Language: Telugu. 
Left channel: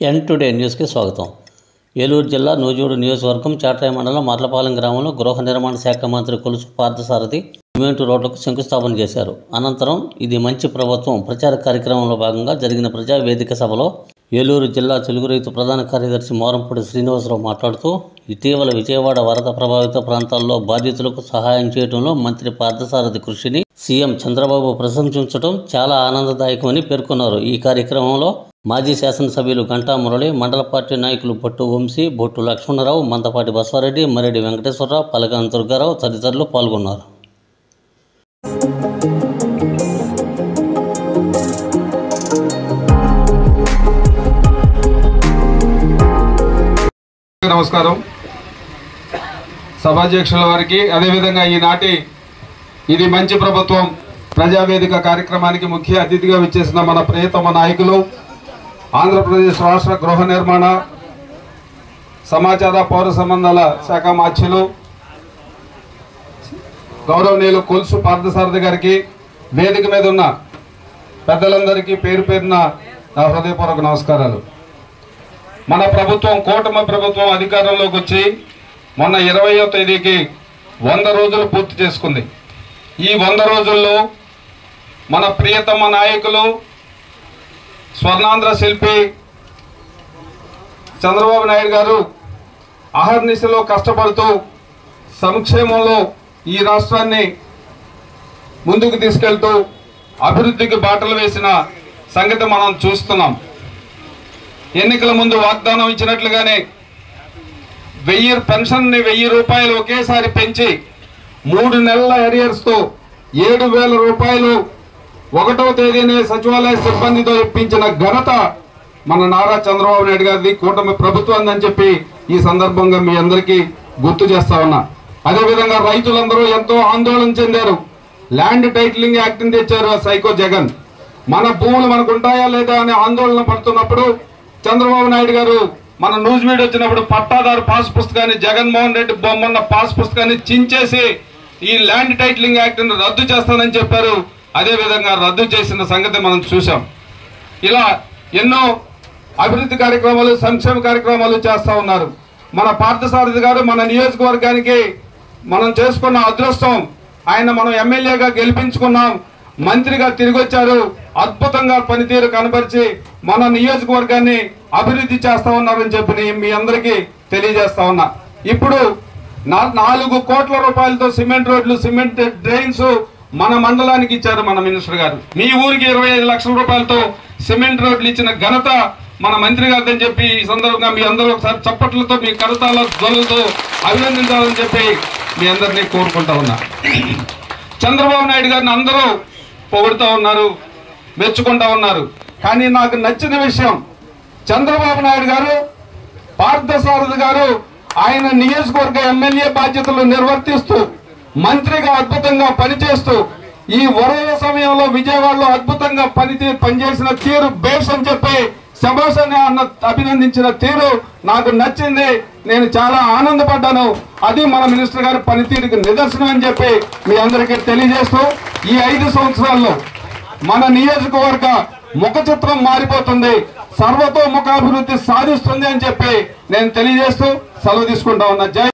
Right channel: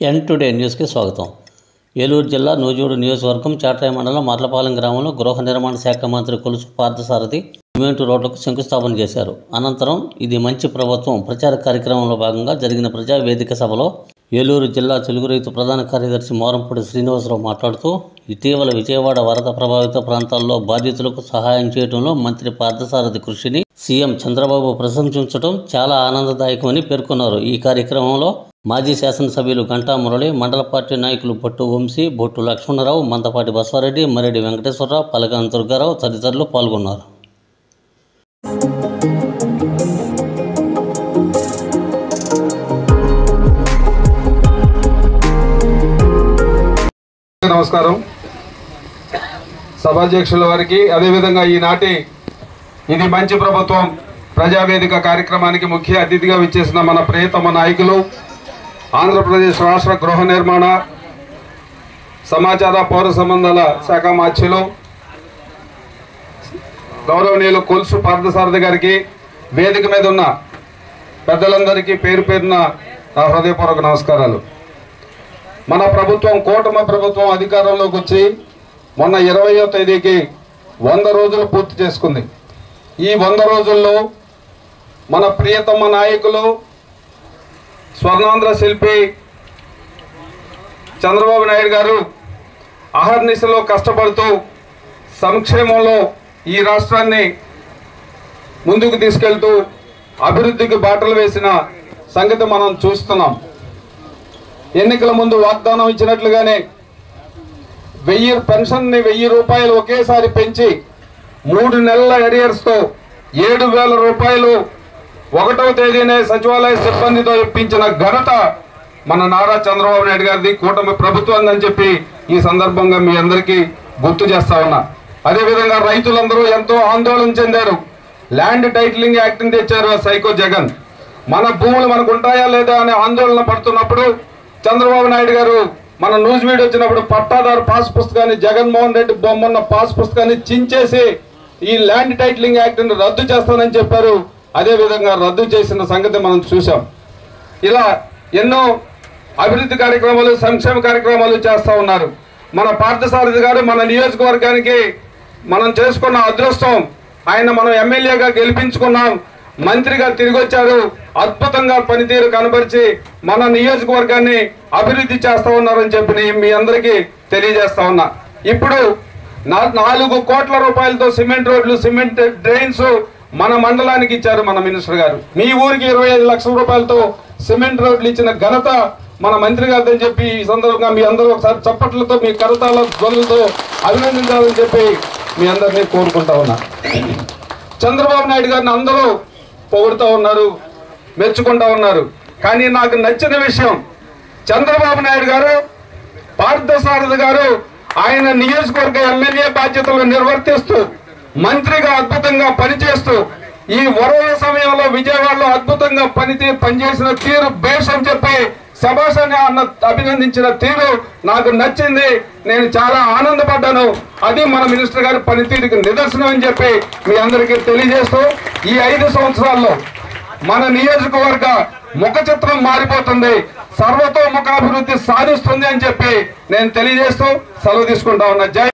ఎన్ టుడే న్యూస్కి స్వాగతం. ఏలూరు జిల్లా నూజివీడు నియోజకవర్గం చాట్రాయి మండలం మర్లపాలెం గ్రామంలో గృహ నిర్మాణ శాఖ మంత్రి కొలుసు పార్థసారథి సిమెంట్ రోడ్లకు శంకుస్థాపన చేశారు. అనంతరం ఇది మంచి ప్రభుత్వం ప్రచార కార్యక్రమంలో భాగంగా జరిగిన ప్రజా వేదిక సభలో ఏలూరు జిల్లా తెలుగు రైతు ప్రధాన కార్యదర్శి మోరంపూడి శ్రీనివాసరావు మాట్లాడుతూ, ఇటీవల విజయవాడ వరద ప్రభావిత ప్రాంతాల్లో బాధితులకు సహాయం చేయడంలో మంత్రి పార్థసారథి కృషిని సీఎం చంద్రబాబు ప్రశంసించడం చాలా ఆనందదాయకమని పేర్కొన్నారు. ఈ కార్యక్రమంలో మాజీ శాసనసభ్యులు గంటా మురళి, మండల పార్టీ నాయకులు బొట్టు వంశీ, బొట్టు లక్ష్మణరావు, మందపాటి బసవారెడ్డి, మరెడ్డి వెంకటేశ్వరరావు, పలకాని దుర్గారావు తదితరులు పాల్గొన్నారు. నమస్కారం. సభాధ్యక్షుల వారికి, అదేవిధంగా ఈనాటి ఇది మంచి ప్రభుత్వం ప్రజావేదిక కార్యక్రమానికి ముఖ్య అతిథిగా విచ్చేసిన మన ప్రియతమ నాయకులు, ఆంధ్రప్రదేశ్ రాష్ట్ర గృహ నిర్మాణ సమాచార పౌర సంబంధాల శాఖ మాధ్యులు గౌరవనీయులు కొలుసు పార్థసారథి గారికి, వేదిక మీద ఉన్న పెద్దలందరికీ పేరు పేరున నా హృదయపూర్వక నమస్కారాలు. మన ప్రభుత్వం, కూటమి ప్రభుత్వం అధికారంలోకి వచ్చి మొన్న 20వ తేదీకి 100 రోజులు పూర్తి చేసుకుంది. ఈ 100 రోజుల్లో మన ప్రియతమ నాయకులు, స్వర్ణాంధ్ర శిల్పి చంద్రబాబు నాయుడు గారు అహర్నిశలో కష్టపడుతూ సంక్షేమంలో ఈ రాష్ట్రాన్ని ముందుకు తీసుకెళ్తూ అభివృద్ధికి బాటలు వేసిన సంగతి మనం చూస్తున్నాం. ఎన్నికల ముందు వాగ్దానం ఇచ్చినట్లుగానే 1000 పెన్షన్ని 1000 రూపాయలు ఒకేసారి పెంచి 3 నెలల ఎరియర్స్తో 7,000 రూపాయలు 1వ తేదీనే సచివాలయ సిబ్బందితో ఇప్పించిన ఘనత మన నారా చంద్రబాబు నాయుడు గారిది, కూటమి ప్రభుత్వం అని చెప్పి ఈ సందర్భంగా మీ అందరికీ గుర్తు చేస్తా ఉన్నా. అదేవిధంగా రైతులందరూ ఎంతో ఆందోళన చెందారు. ల్యాండ్ టైటిలింగ్ యాక్ట్ని తెచ్చారు సైకో జగన్. మన భూములు మనకు ఉంటాయా లేదా అనే ఆందోళన పడుతున్నప్పుడు చంద్రబాబు నాయుడు గారు మన నూజివీడు వచ్చినప్పుడు పట్టాదారు పాస్ పుస్తకాన్ని, జగన్మోహన్ రెడ్డి బొమ్మన్న పాస్ పుస్తకాన్ని చించేసి ఈ ల్యాండ్ టైటిలింగ్ యాక్ట్ని రద్దు చేస్తానని చెప్పారు. అదేవిధంగా రద్దు చేసిన సంగతి మనం చూసాం. ఇలా ఎన్నో అభివృద్ధి కార్యక్రమాలు, సంక్షేమ కార్యక్రమాలు చేస్తా ఉన్నారు. మన పార్థసారథి గారు మన నియోజకవర్గానికి మనం చేసుకున్న అదృష్టం, ఆయన మనం ఎమ్మెల్యేగా గెలిపించుకున్నాం, మంత్రిగా తిరిగి వచ్చారు. అద్భుతంగా పనితీరు కనబరిచి మన నియోజకవర్గాన్ని అభివృద్ధి చేస్తా ఉన్నారని చెప్పి మీ అందరికీ తెలియజేస్తా ఉన్నా. ఇప్పుడు 4 కోట్ల రూపాయలతో సిమెంట్ రోడ్లు, సిమెంట్ డ్రైన్స్ మన మండలానికి ఇచ్చారు మన మినిస్టర్ గారు. మీ ఊరికి 25 లక్షల రూపాయలతో సిమెంట్ రోడ్లు ఇచ్చిన ఘనత మన మంత్రి గారిని చెప్పి ఈ సందర్భంగా మీ అందరూ ఒకసారి చప్పట్లతో, మీ కరతాల ధ్వనులతో అభినందించాలని చెప్పి మీ అందరినీ కోరుకుంటా ఉన్నా. చంద్రబాబు నాయుడు గారిని అందరూ పొగుడుతూ ఉన్నారు, మెచ్చుకుంటా ఉన్నారు. కానీ నాకు నచ్చిన విషయం, చంద్రబాబు నాయుడు గారు, పార్థసారథి గారు ఆయన నియోజకవర్గ ఎమ్మెల్యే బాధ్యతలు నిర్వర్తిస్తూ మంత్రిగా అద్భుతంగా పనిచేస్తూ ఈ వరద సమయంలో విజయవాడలో అద్భుతంగా పనిచేసిన తీరు బేస్ అని చెప్పి శభాషని అభినందించిన తీరు నాకు నచ్చింది. నేను చాలా ఆనందపడ్డాను. అది మన మినిస్టర్ గారి పనితీరుకి నిదర్శనం అని చెప్పి మీ అందరికీ తెలియజేస్తూ, ఈ 5 సంవత్సరాల్లో మన నియోజకవర్గ ముఖ చిత్రం మారిపోతుంది, సర్వతోముఖాభివృద్ధి సాధిస్తుంది అని చెప్పి నేను తెలియజేస్తూ సెలవు తీసుకుంటా ఉన్నా. జై